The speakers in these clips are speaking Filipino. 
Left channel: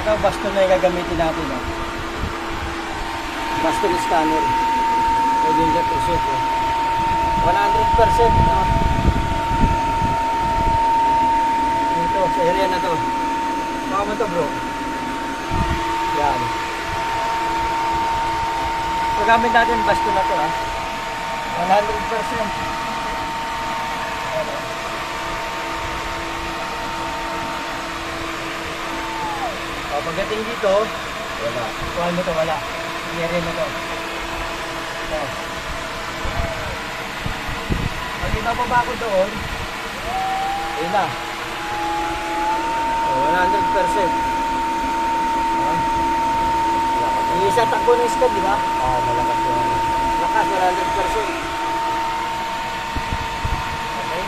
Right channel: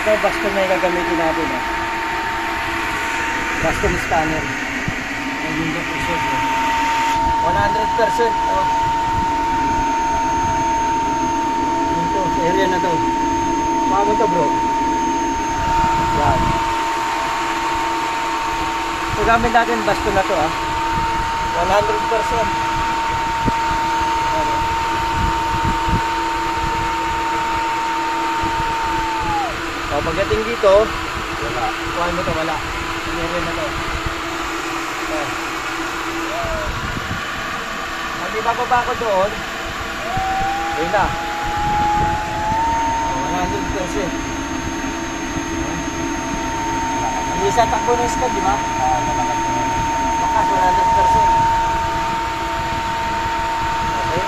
Ito baston na gagamitin natin. Baston scanner. Ay yung presyo. 100%. No? Ito, sa area na to. Baka mo to bro. Yan. So gamit natin baston na to 100%. O, pagdating dito, wala. Kuhaan mo to, wala. Area na to. So, pag ibababa ko doon, yun na. O, 100%. Yung isa takbo ng scope, di ba? Malakas po. Lakas, 100%. Okay.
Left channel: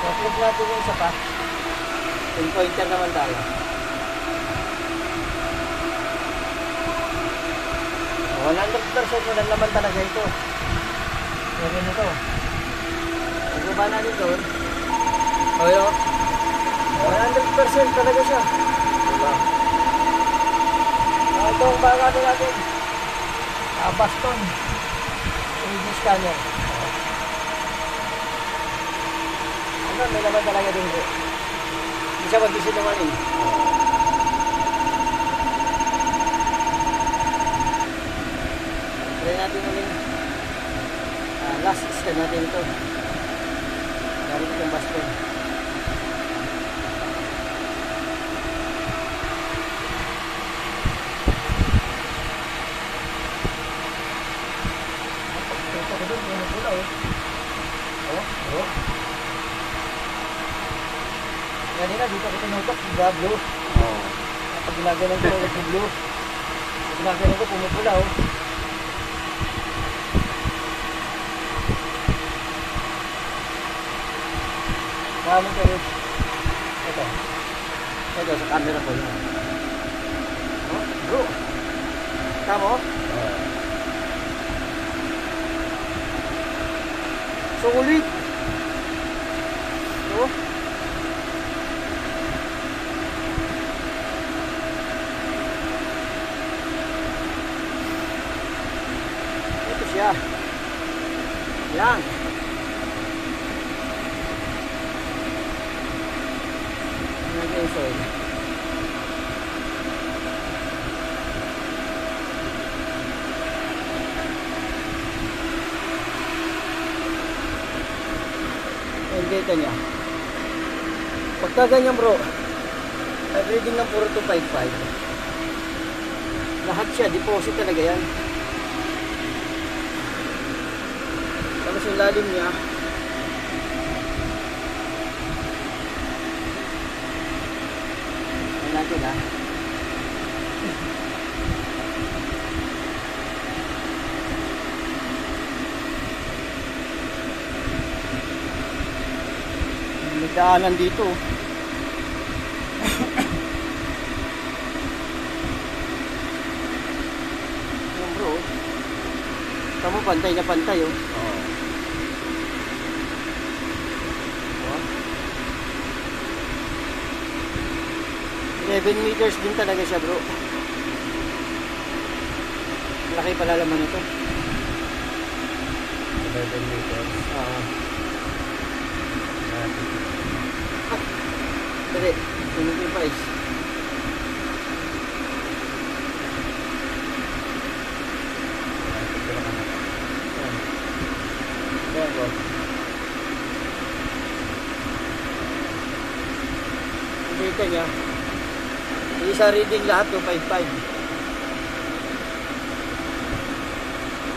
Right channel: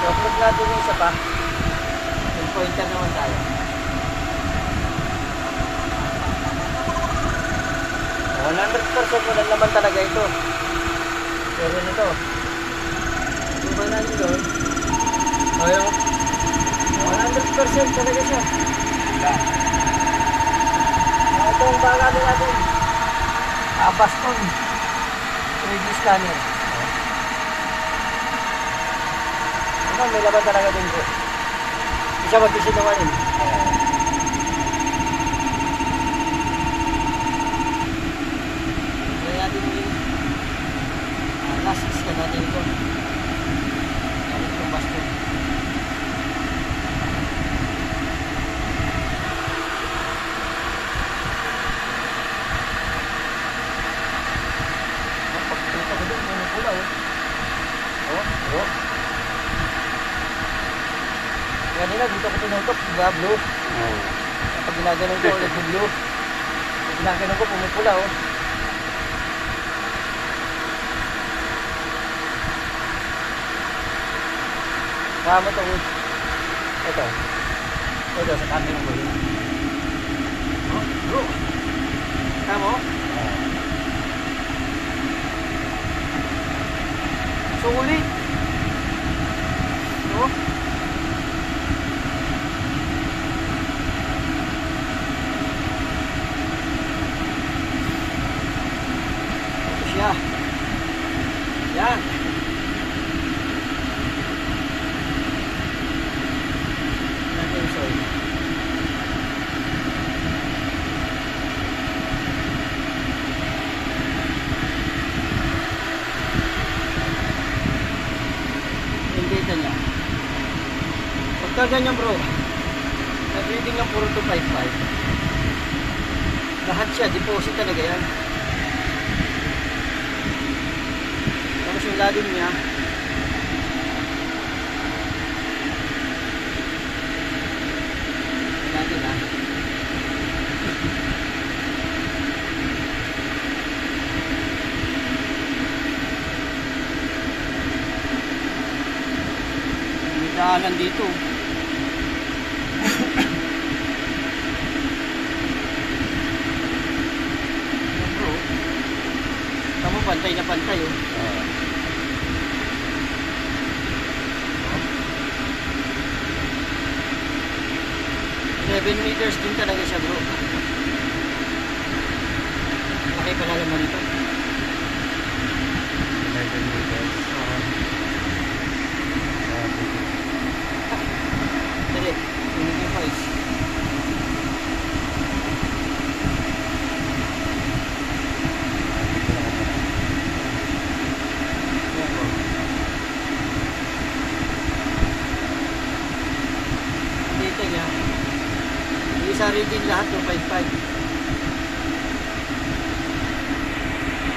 So, plug natin yung isa pa. Yung pointer naman tayo. 100% mo naman talaga ito. Pero nito. Lima namin doon. O yun. 100% talaga siya. Wala. Ito ang bagamit natin. Baston. 3D scanner. Ano, may laman talaga din bro. Hindi siya magkisinungaling. Try natin yung last scan natin ito. Gamit itong baston. Pagkita ko doon, may pula Oo. Kanina dito ko tinungkot, diba blue? Kapag ginaganon ko, ulit yung blue. Ginaganon ko, pumipula Kaya mo ito, ito sa camera ko. Bro, tama mo? Sulit. No? Ito siya. Yan. Data niya. Pagka ganyan bro, reading ng 4255. Lahat siya, deposit talaga yan. Tapos yung lalim niya, natin daanan dito. Kamu pantay na pantay 11 meters din talaga siya bro. Laki pala naman ito. 11 meters. Dali, tumigil pa dito niya. Isa reading lahat 255.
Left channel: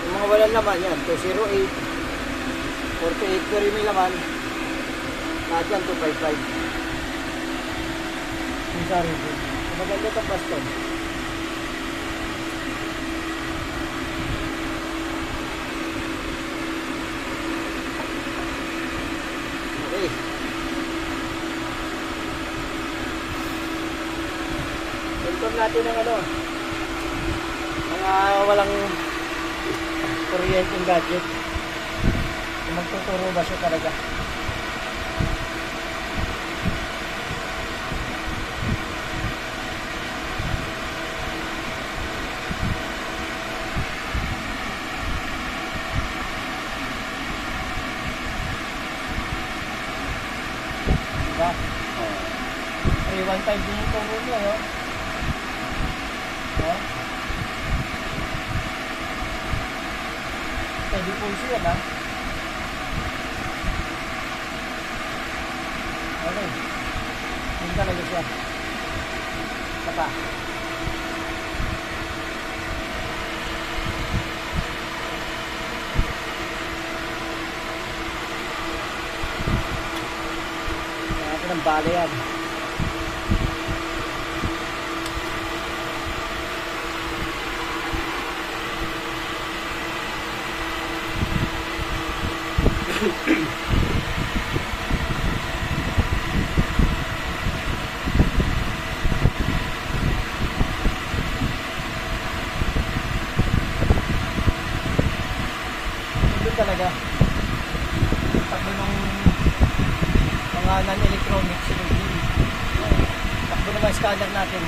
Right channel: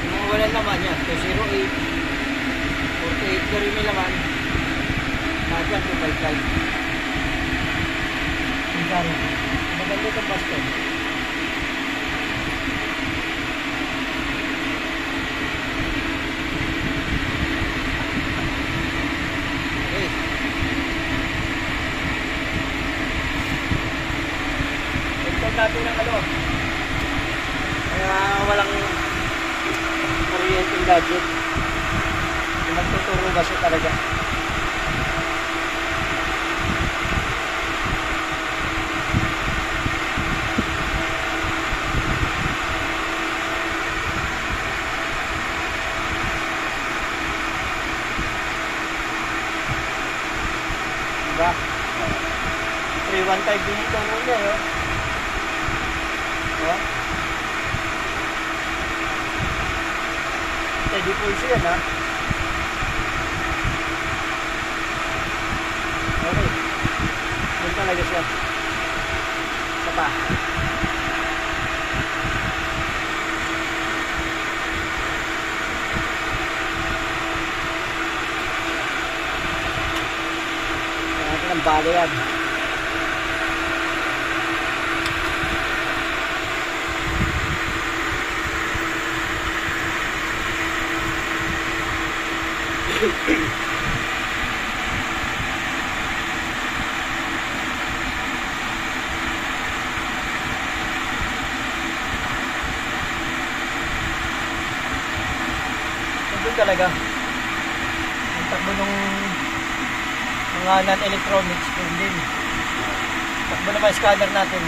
Yung mga walang laman niya 208 48 ko rin yung laman. Lahat yan 255. Maganda sa baston. Okay. Confirm natin ang walang kuryenteng gadget. Kung magtuturo ba siya talaga. 315 din yung turo niya, no? Oh. Steady pulse yan, ha? Okay. Yun talaga siya. Ito pa. Kaya natin ang bala yan. Doon talaga takbo ng mga non-electronics doon din. Takbo na mga scanner natin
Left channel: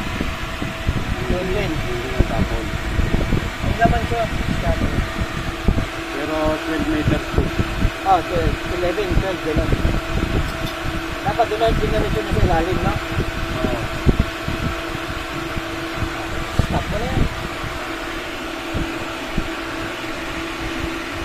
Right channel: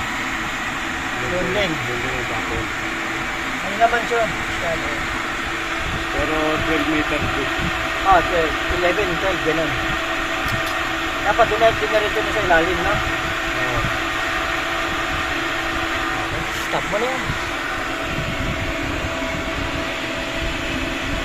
doon din. Yun din ang tapon. Ano naman siya? Scanner. Pero 12 meters to. 11, 12, gano'n. Dapat doon na dinarito na sa ilalim, no? Oo. Stop mo na yan.